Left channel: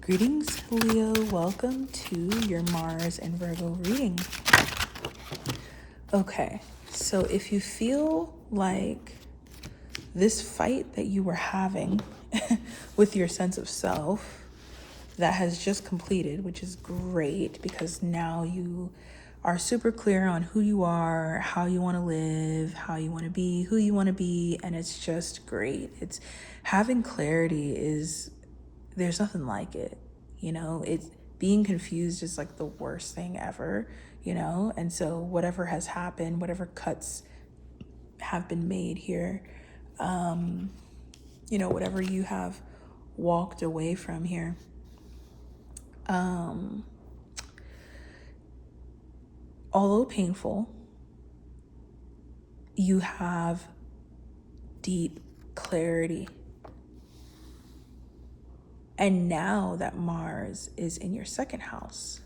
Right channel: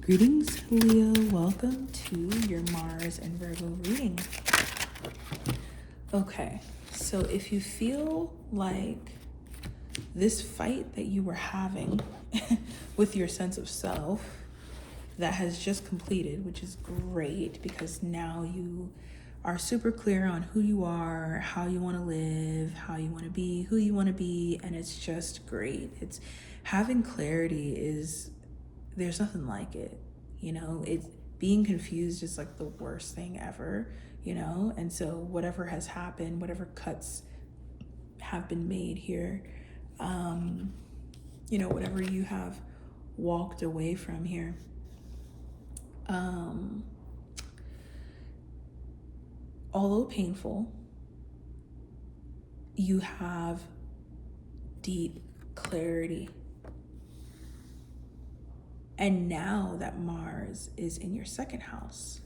Greetings, Leo. Welcome to your Mars and Virgo reading. Okay, so if you feel like this fight that you were having with your sense of self that has just completed, which is great because now you are super clear on who you are, how you want to live, how you want to be, who you want to be, and it's just great. It's having clarity is there's nothing like it, it's being confused is like the worst thing ever, and so whatever has happened, whatever cuts have been made here, whatever you have walked away from here, although painful, you have deep clarity. And now that Mars is in your second house,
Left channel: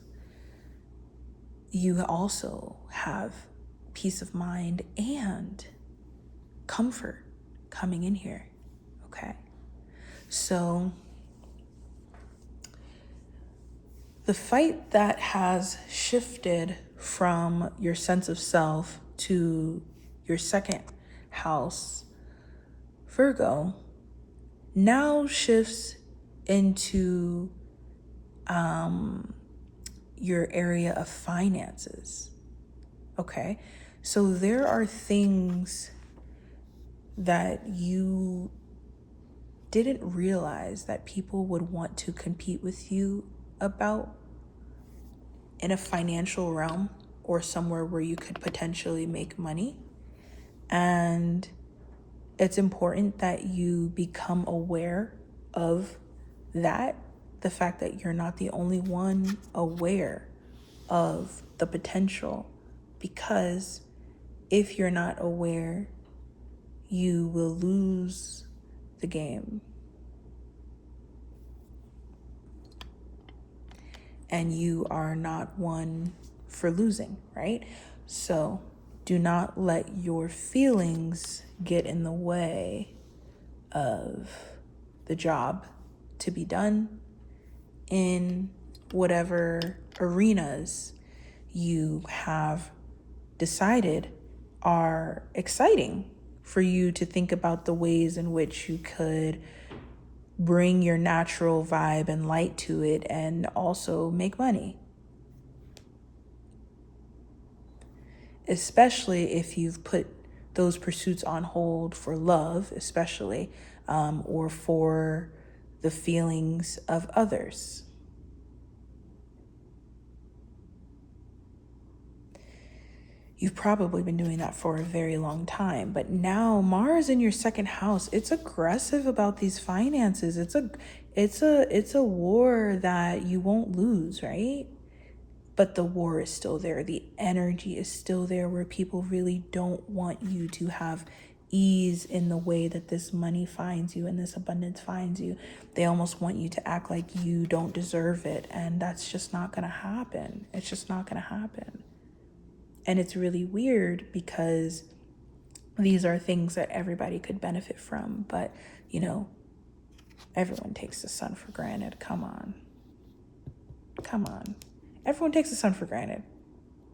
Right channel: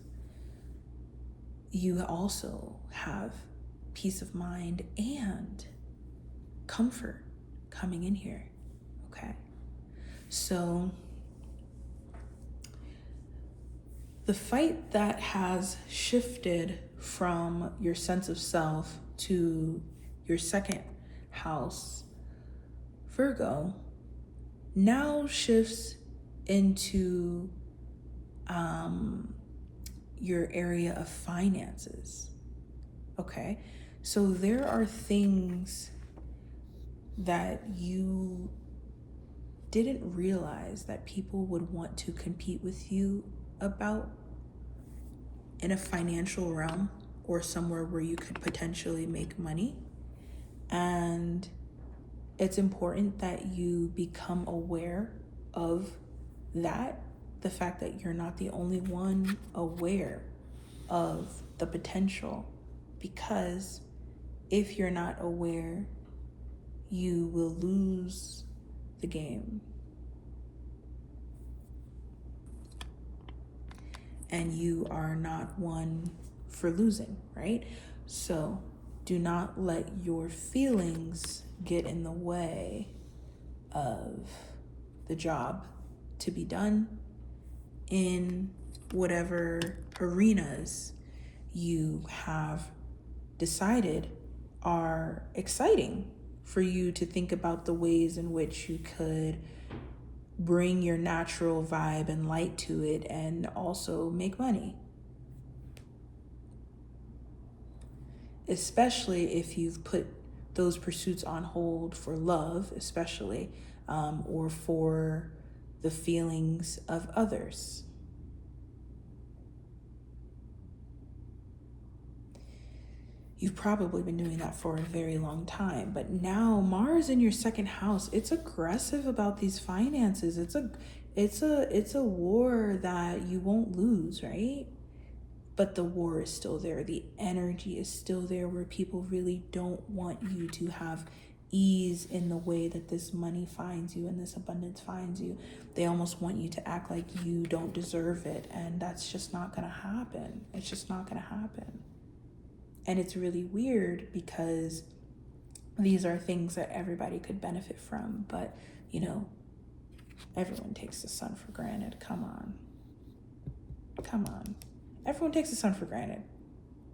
you also have peace of mind and comfort coming in here, okay? So the fight that has shifted from your sense of self to your second house, Virgo, now shifts into your area of finances. Okay, so there are things that you didn't realize that people would want to compete with you about in a financial realm or somewhere where you could potentially make money. And it's important that you become aware of that, the fact that you're not the only one aware of the potential, because if you're not aware, you will lose the game. And you are not one for losing, right? So do not let your feelings get in the way of the job to be done in whatever arenas you have decided are exciting for you to think about the ways in which you could bring your natural vibe and light to it and also make money. Especially if you've put those pursuits on hold for love, especially, or for the feelings of others. You've probably been doing that for a very long time, but now Mars in your second house, it's aggressive about these finances. It's a war that you won't lose, right? But the war is still there. The energy is still there where people really don't want you to have ease in the way that this money finds you and this abundance finds you. They almost want you to act like you don't deserve it. And that's just not going to happen. It's just not going to happen. And it's really weird because these are things that everybody could benefit from. But, everyone takes the sun for granted. Come on. Everyone takes the sun for granted.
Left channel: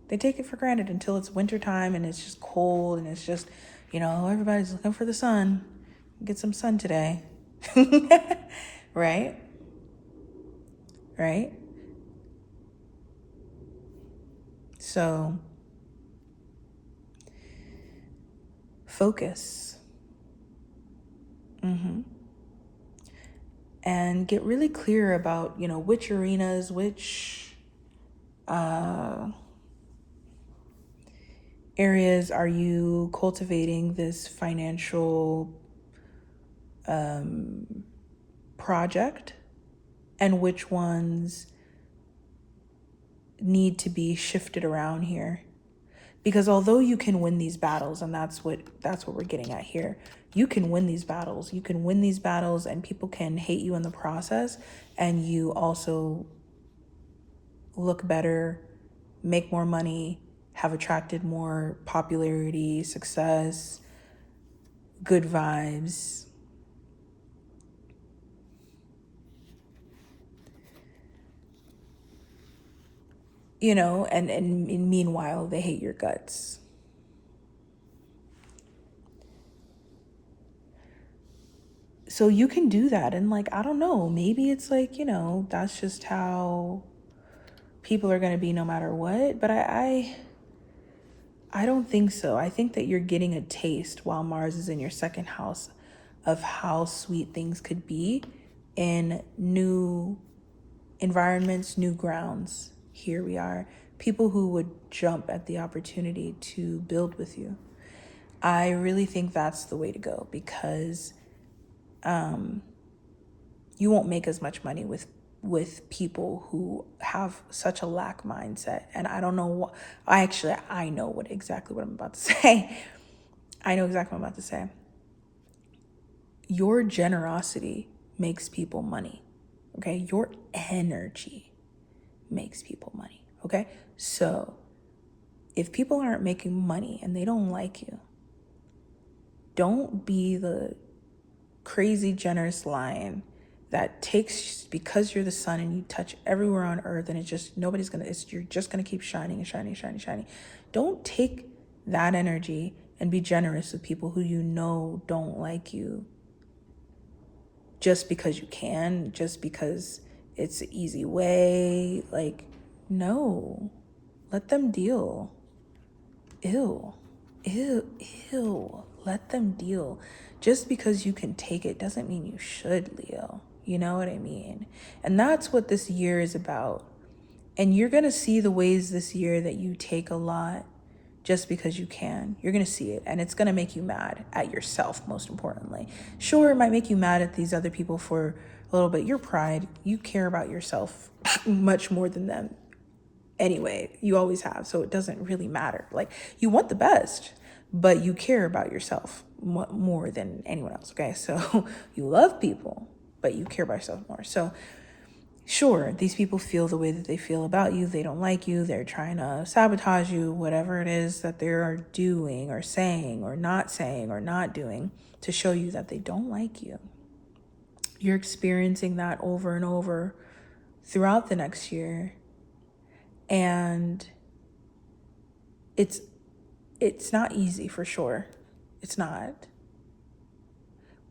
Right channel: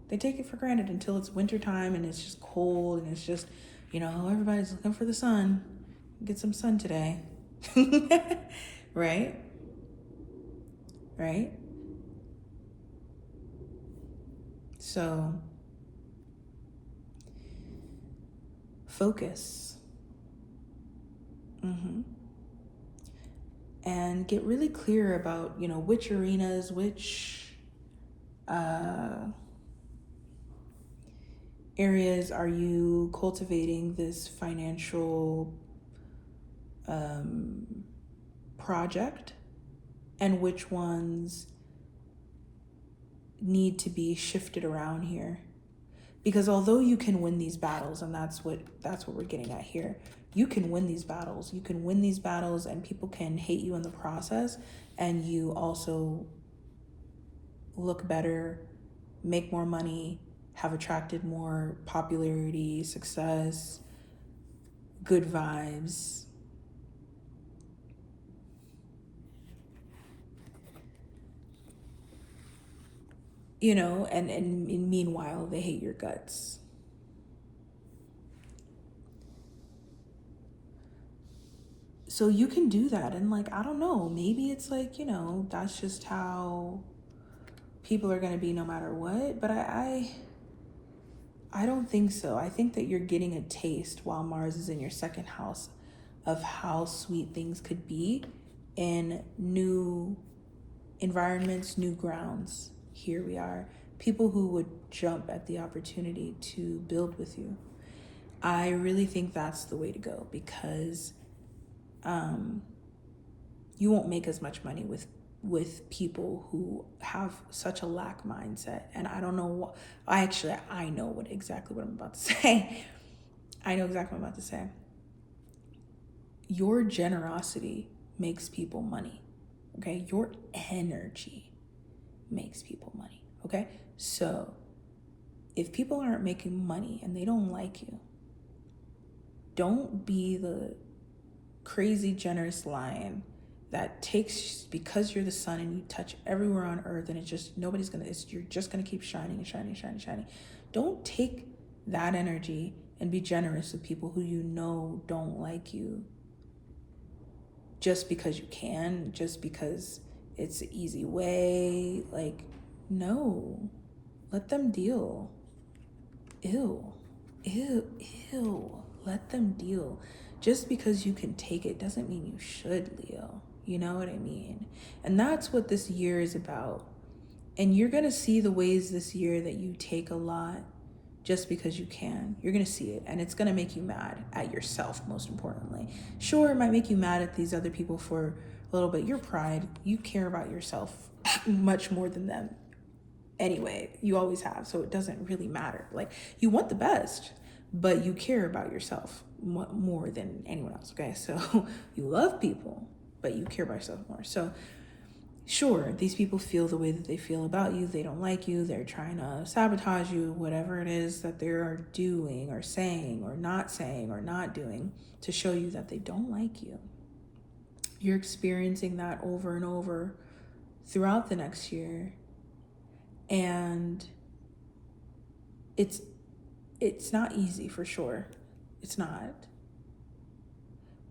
They take it for granted until it's wintertime and it's just cold and it's just, everybody's looking for the sun. Get some sun today. Right? So, focus. And get really clear about, which arenas, which areas are you cultivating this financial project, and which ones need to be shifted around here. Because although you can win these battles, and that's what we're getting at here, you can win these battles. You can win these battles and people can hate you in the process, and you also look better, make more money, have attracted more popularity, success, good vibes. and meanwhile, they hate your guts. So you can do that. And like, I don't know, maybe it's like, that's just how people are going to be no matter what. But I don't think so. I think that you're getting a taste while Mars is in your second house of how sweet things could be in new environments, new grounds. Here we are. People who would jump at the opportunity to build with you. I really think that's the way to go, because you won't make as much money with people who have such a lack mindset. And I don't know what I know exactly what I'm about to say. I know exactly what I'm about to say. Your generosity makes people money. Okay? Your energy makes people money. Okay? So if people aren't making money and they don't like you, don't be the crazy generous lion that takes, because you're the sun and you touch everywhere on earth, and it's just you're just gonna keep shining and shining, shining, shining. Don't take that energy and be generous with people who don't like you just because you can, just because it's an easy way. Like, no, let them deal. Ew. Let them deal. Just because you can take it doesn't mean you should, Leo. You know what I mean? And that's what this year is about. And you're going to see the ways this year that you take a lot just because you can. You're going to see it. And it's going to make you mad at yourself, most importantly. Sure, it might make you mad at these other people for a little bit. Your pride, you care about yourself much more than them. Anyway, you always have. So it doesn't really matter. Like, you want the best, but you care about yourself more than anyone else. Okay. So you love people, but you care about yourself more. So sure, these people feel the way that they feel about you. They don't like you. They're trying to sabotage you, whatever it is that they're doing or saying or not doing to show you that they don't like you. You're experiencing that over and over throughout the next year. And it's not easy, for sure. It's not.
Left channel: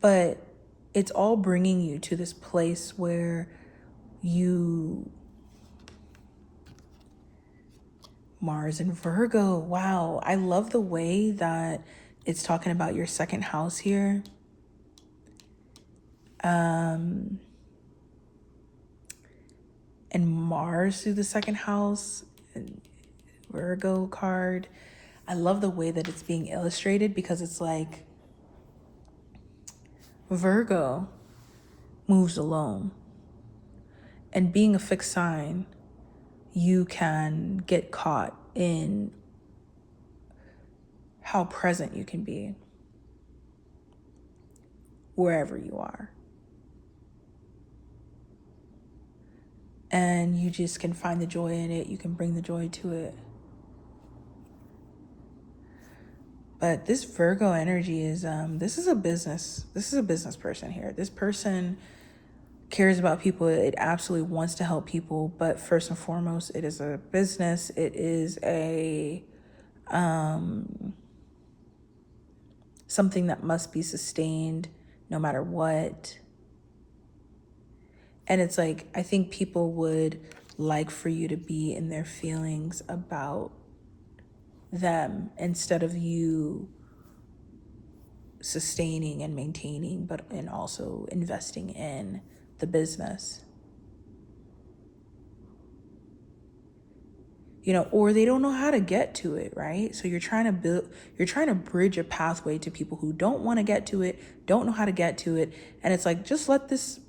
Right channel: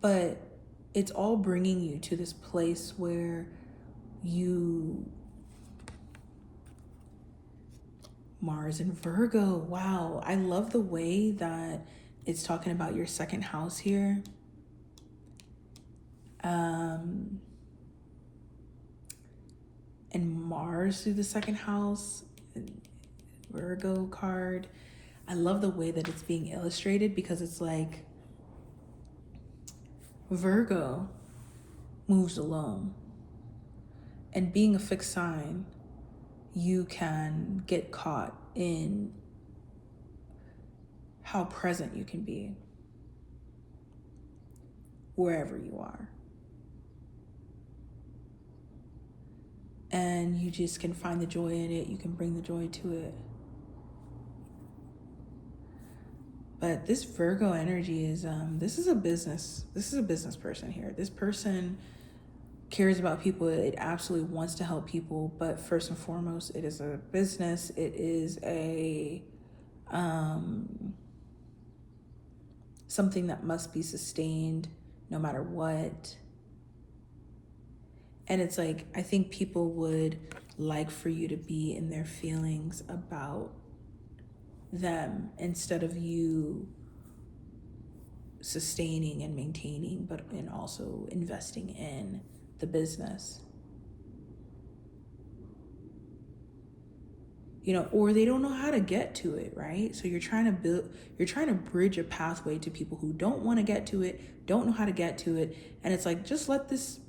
But it's all bringing you to this place where Mars and Virgo. Wow. I love the way that it's talking about your second house here. And Mars through the second house, and Virgo card. I love the way that it's being illustrated, because it's like Virgo moves alone. And being a fixed sign, you can get caught in how present you can be wherever you are. And you just can find the joy in it. You can bring the joy to it. But this Virgo energy is, this is a business person here. This person cares about people. It absolutely wants to help people. But first and foremost, it is a business. It is a, something that must be sustained no matter what. And it's like, I think people would like for you to be in their feelings about them instead of you sustaining and maintaining, and also investing in the business. Or they don't know how to get to it, right? So you're trying to bridge a pathway to people who don't want to get to it, don't know how to get to it. And it's like, just let these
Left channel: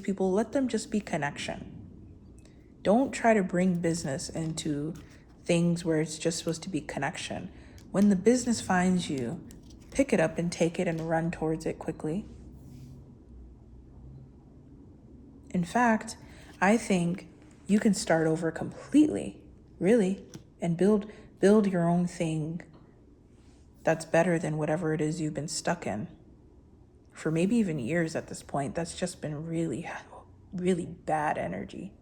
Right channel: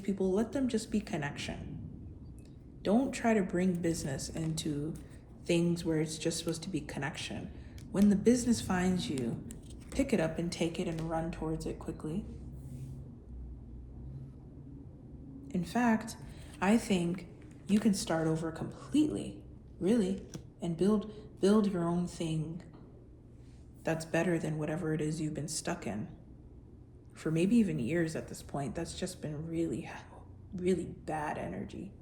people, let them just be connection. Don't try to bring business into things where it's just supposed to be connection. When the business finds you, pick it up and take it and run towards it quickly. In fact, I think you can start over completely, really, and build your own thing that's better than whatever it is you've been stuck in for maybe even years at this point. That's just been really, really bad energy.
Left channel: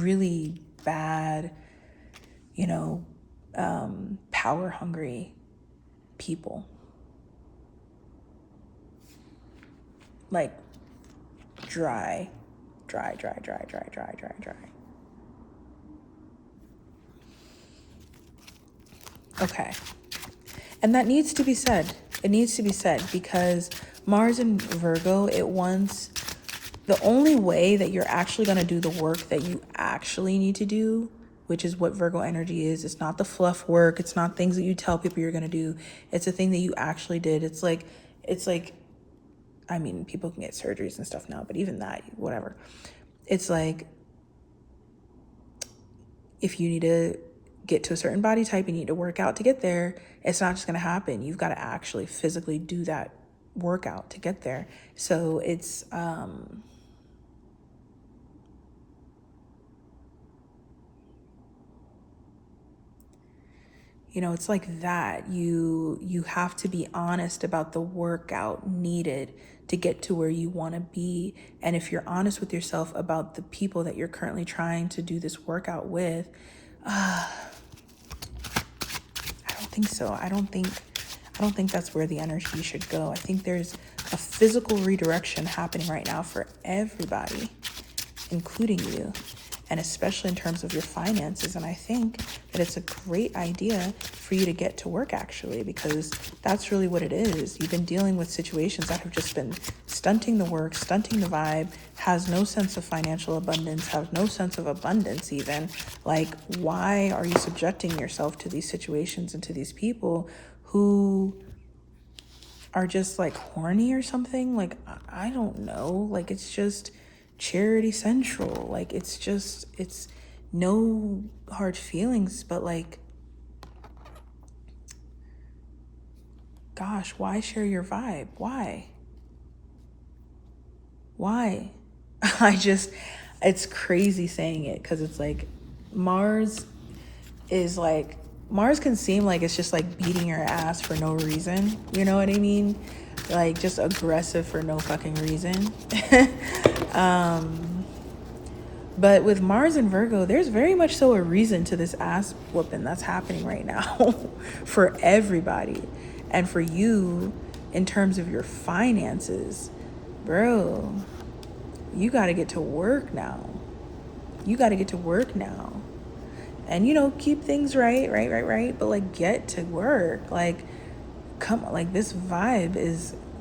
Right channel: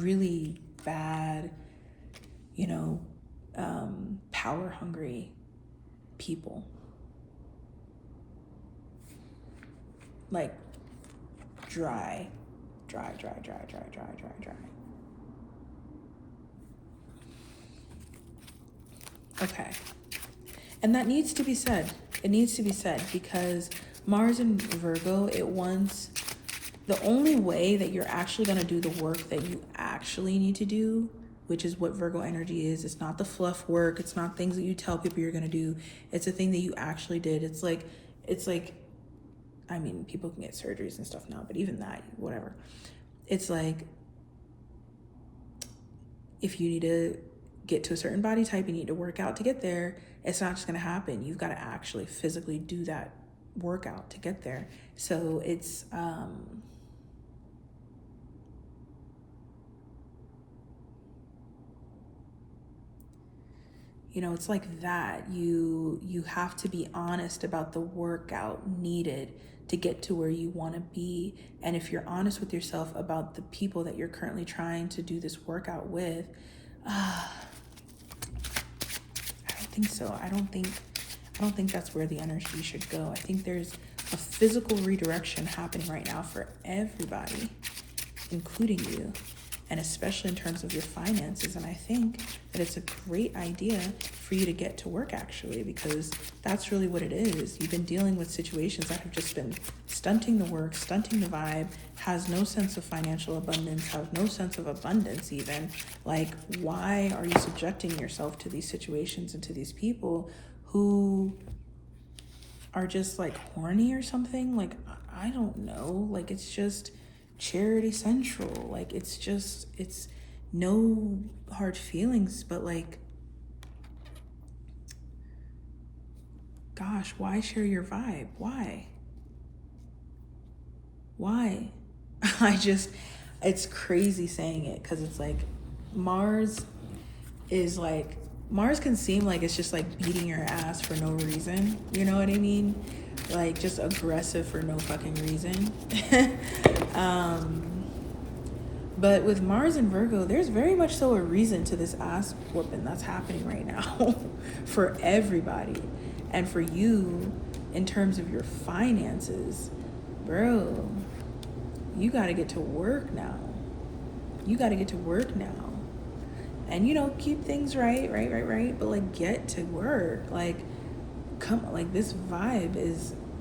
really bad, power hungry people. Like dry. Okay. And that needs to be said. It needs to be said because Mars in Virgo, the only way that you're actually going to do the work that you actually need to do, which is what Virgo energy is. It's not the fluff work. It's not things that you tell people you're going to do. It's a thing that you actually did. It's like, I mean, people can get surgeries and stuff now, but even that, whatever. It's like, if you need to get to a certain body type, you need to work out to get there. It's not just going to happen. You've got to actually physically do that workout to get there. So it's, it's like that. You have to be honest about the workout needed to get to where you want to be. And if you're honest with yourself about the people that you're currently trying to do this workout with, I don't think so. I don't think that's where the energy should go. I think there's a physical redirection happening right now for everybody, including you, and especially in terms of your finances. And I think that it's a great idea for you to get to work, actually, because that's really what it is. You've been dealing with situations that have just been stunting the work, stunting the vibe, has no sense of financial abundance, has no sense of abundance even. Like, why are you subjecting yourself to these situations and to these people who are just like horny or something? Like, I don't know. Like, it's just charity central. Like, it's no hard feelings, but like, gosh, why share your vibe? Why? It's crazy saying it because it's like Mars can seem like it's just like beating your ass for no reason. You know what I mean? Like, just aggressive for no fucking reason. But with Mars and Virgo, there's very much so a reason to this ass whooping that's happening right now for everybody. And for you, in terms of your finances, bro, you got to get to work now. And, keep things right. But like, get to work. Like, this vibe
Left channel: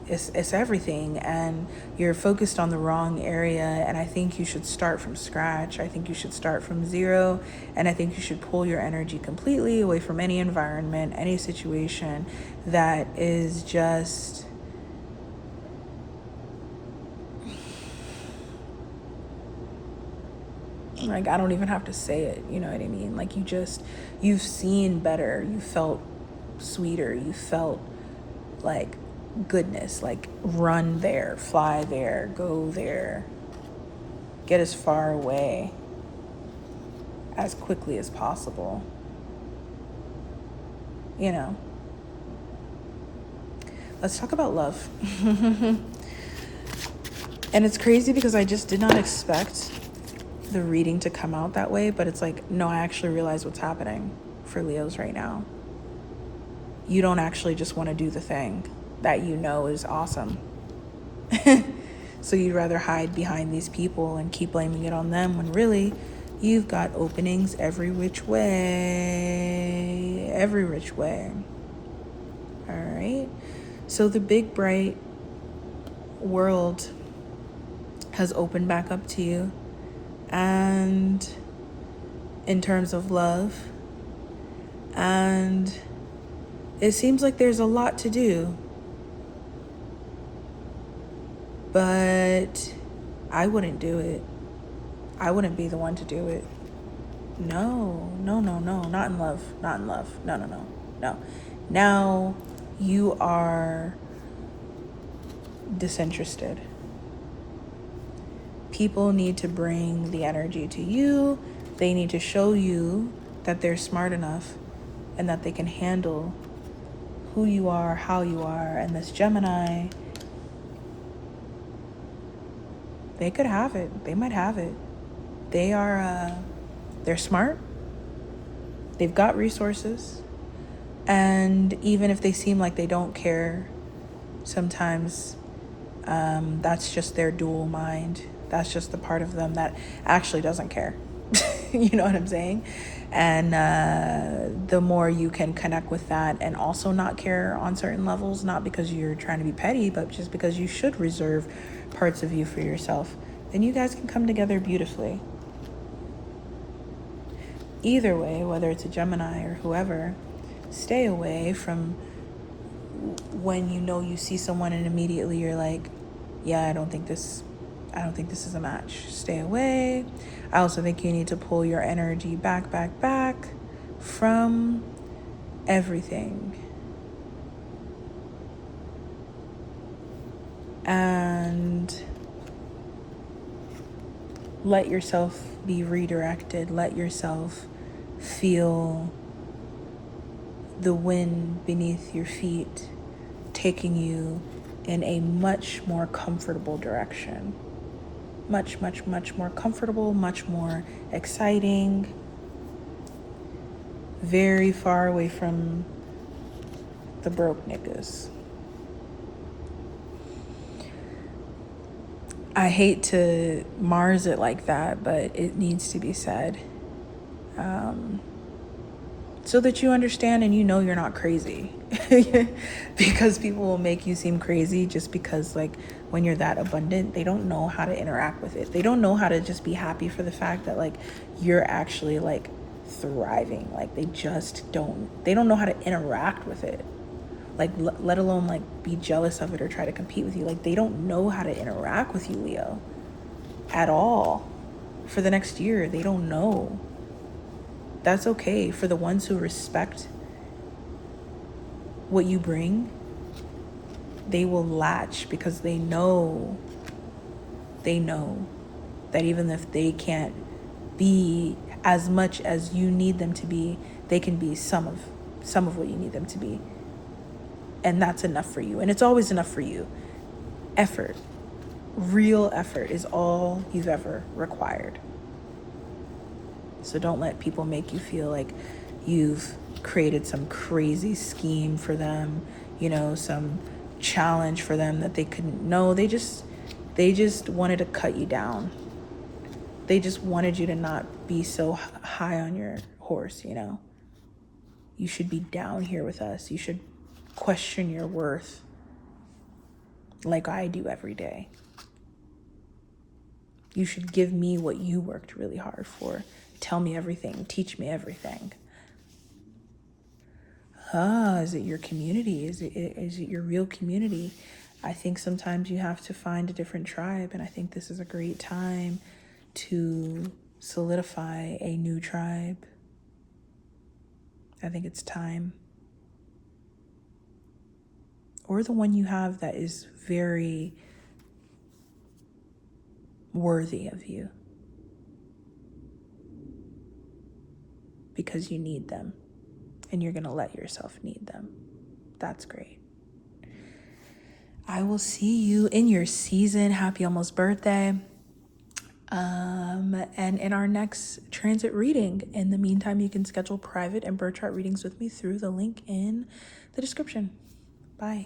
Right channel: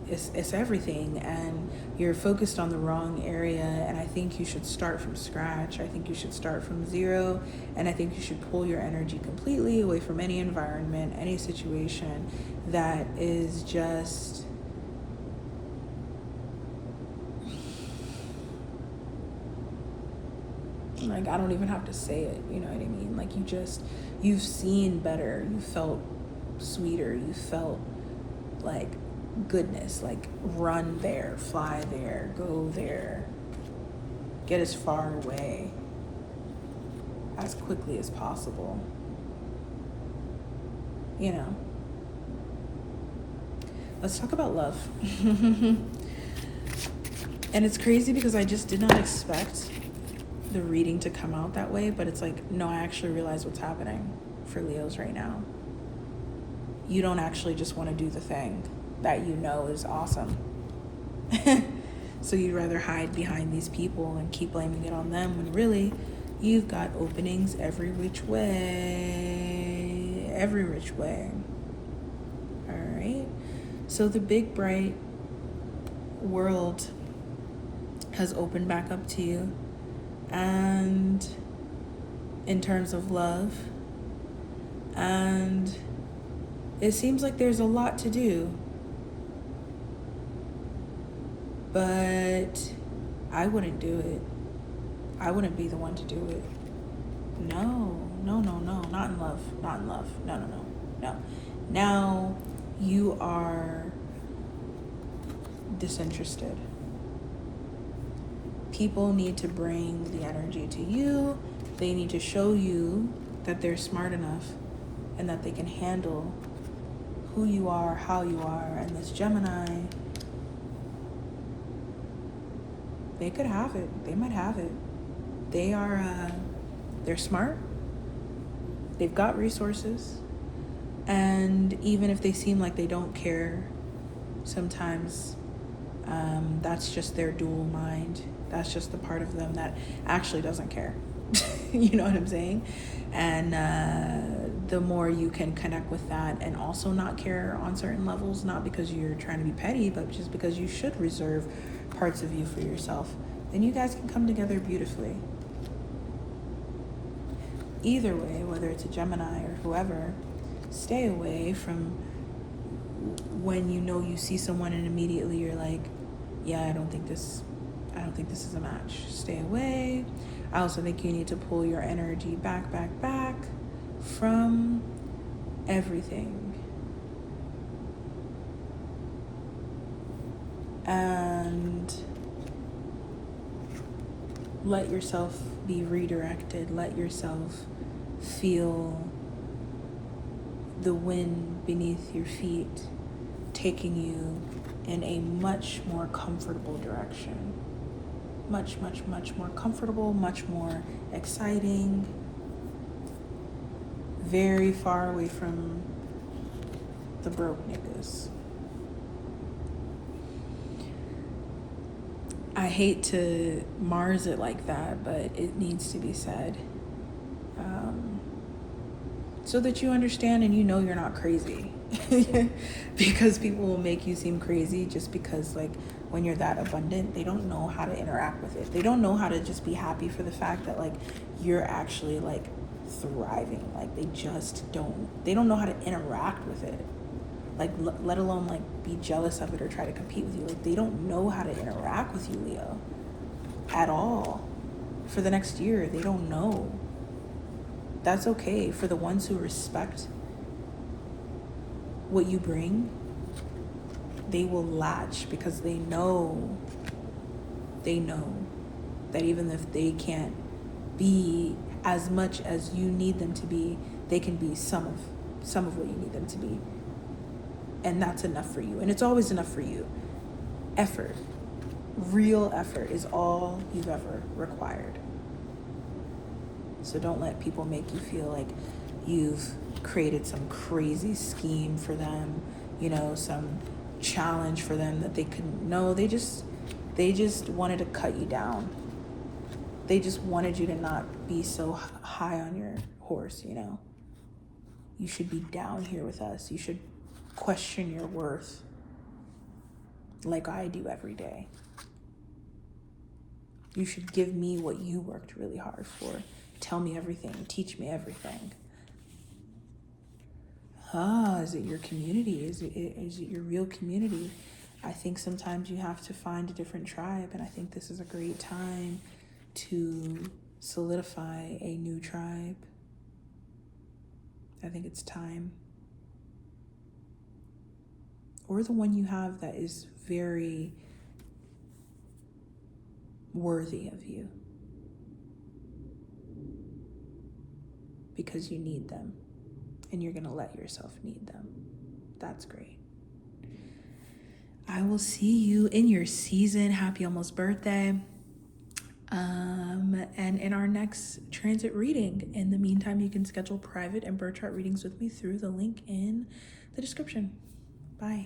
it's everything, and you're focused on the wrong area. And I think you should start from scratch. I think you should start from zero, and I think you should pull your energy completely away from any environment, any situation that is just like, I don't even have to say it, you know what I mean? Like, you've seen better, you felt sweeter, you felt like goodness. Like, run there, fly there, go there, get as far away as quickly as possible. Let's talk about love. And it's crazy because I just did not expect the reading to come out that way, but it's like, no, I actually realize what's happening for Leos right now. You don't actually just want to do the thing that you know is awesome. So you'd rather hide behind these people and keep blaming it on them, when really you've got openings every which way. All right. So the big bright world has opened back up to you. And in terms of love, and it seems like there's a lot to do, but I wouldn't do it. I wouldn't be the one to do it. No, not in love, no. Now you are disinterested. People need to bring the energy to you. They need to show you that they're smart enough and that they can handle who you are, how you are. And this Gemini, they could have it. They might have it. they're smart. They've got resources. And even if they seem like they don't care, sometimes that's just their dual mind. That's just the part of them that actually doesn't care. You know what I'm saying? And the more you can connect with that and also not care on certain levels, not because you're trying to be petty, but just because you should reserve parts of you for yourself, then you guys can come together beautifully. Either way, whether it's a Gemini or whoever, stay away from when you know you see someone and immediately you're like, yeah, I don't think this is a match. Stay away. I also think you need to pull your energy back from everything. And let yourself be redirected. Let yourself feel the wind beneath your feet taking you in a much more comfortable direction. Much more comfortable, much more exciting, very far away from the broke niggas. I hate to Mars it like that, but it needs to be said. So that you understand and you know you're not crazy. Because people will make you seem crazy just because, like, when you're that abundant, they don't know how to interact with it. They don't know how to just be happy for the fact that, like, you're actually, like, thriving. Like, they don't know how to interact with it. Like, let alone, like, be jealous of it or try to compete with you. Like, they don't know how to interact with you, Leo, at all. For the next year, they don't know. That's okay. For the ones who respect what you bring, they will latch because they know that even if they can't be as much as you need them to be, they can be some of what you need them to be. And that's enough for you. And it's always enough for you. Effort, real effort, is all you've ever required. So don't let people make you feel like you've created some crazy scheme for them, some challenge for them that they couldn't. No, they just wanted to cut you down. They just wanted you to not be so high on your horse, You should be down here with us. You should question your worth like I do every day. You should give me what you worked really hard for. Tell me everything. Teach me everything. Is it your community? Is it your real community? I think sometimes you have to find a different tribe, and I think this is a great time to solidify a new tribe. I think it's time. Or the one you have that is very worthy of you. Because you need them. And you're going to let yourself need them. That's great. I will see you in your season. Happy almost birthday. And in our next transit reading. In the meantime, you can schedule private and birth chart readings with me through the link in the description. Bye.